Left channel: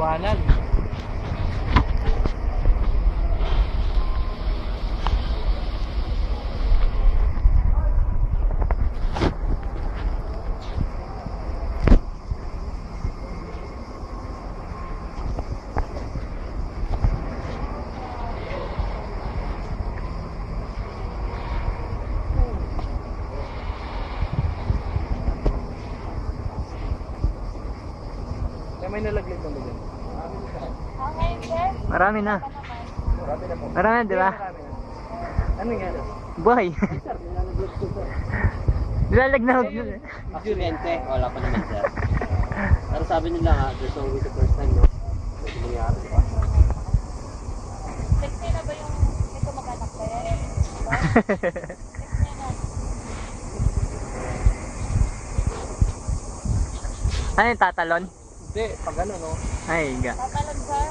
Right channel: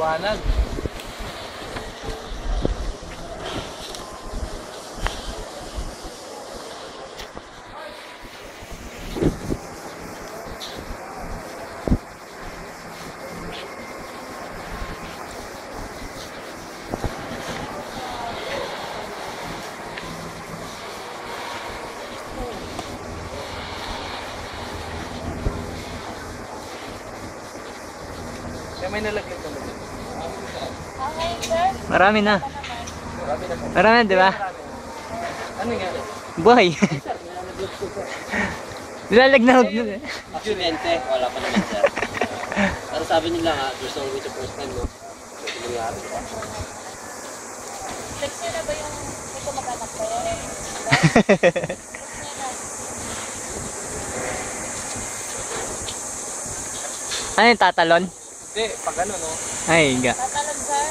liwanag. May nalaglag na dyan. Marami na. Marami na po. Marami na, di ba? Ano nga? Buhay. Nilalagnog na. Aksidente, wala pa naman sir. Pero sabi nila nga, there's no way to first time, no? Ito nangyari. Text niya na ba yung may kumakanak ko? Ano yung tatalon? Hindi, pag ano no? Ay, higa. Tatalon, sir.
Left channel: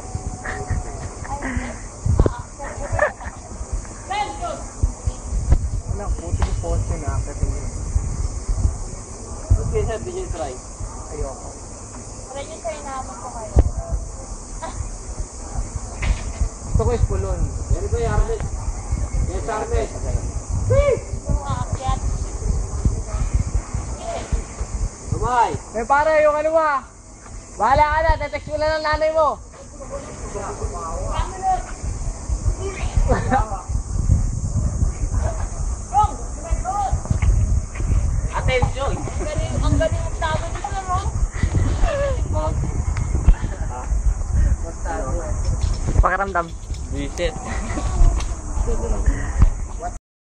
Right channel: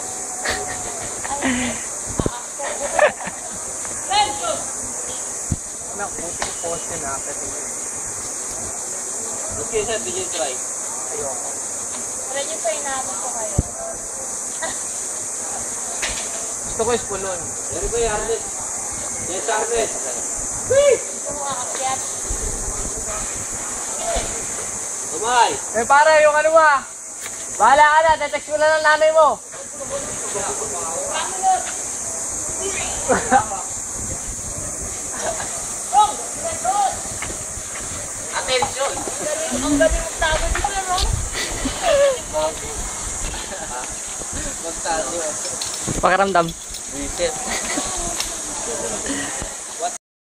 Ano, buti yung poste na after yun. Okay sir, did you try? Ayoko. Wala niyo sa inaamon ko kayo. Gusto ko ispulon. Dari ba yung Arnett? Yes, Arnett. Gusto mo aakyat. Tumay! Eh pare, yung ano ba? Bahala ka na, tetext mo na ng nanay mo. Attention! Ang gabi mong tao dito, no? Magtayo. Pakiramdam. Visit.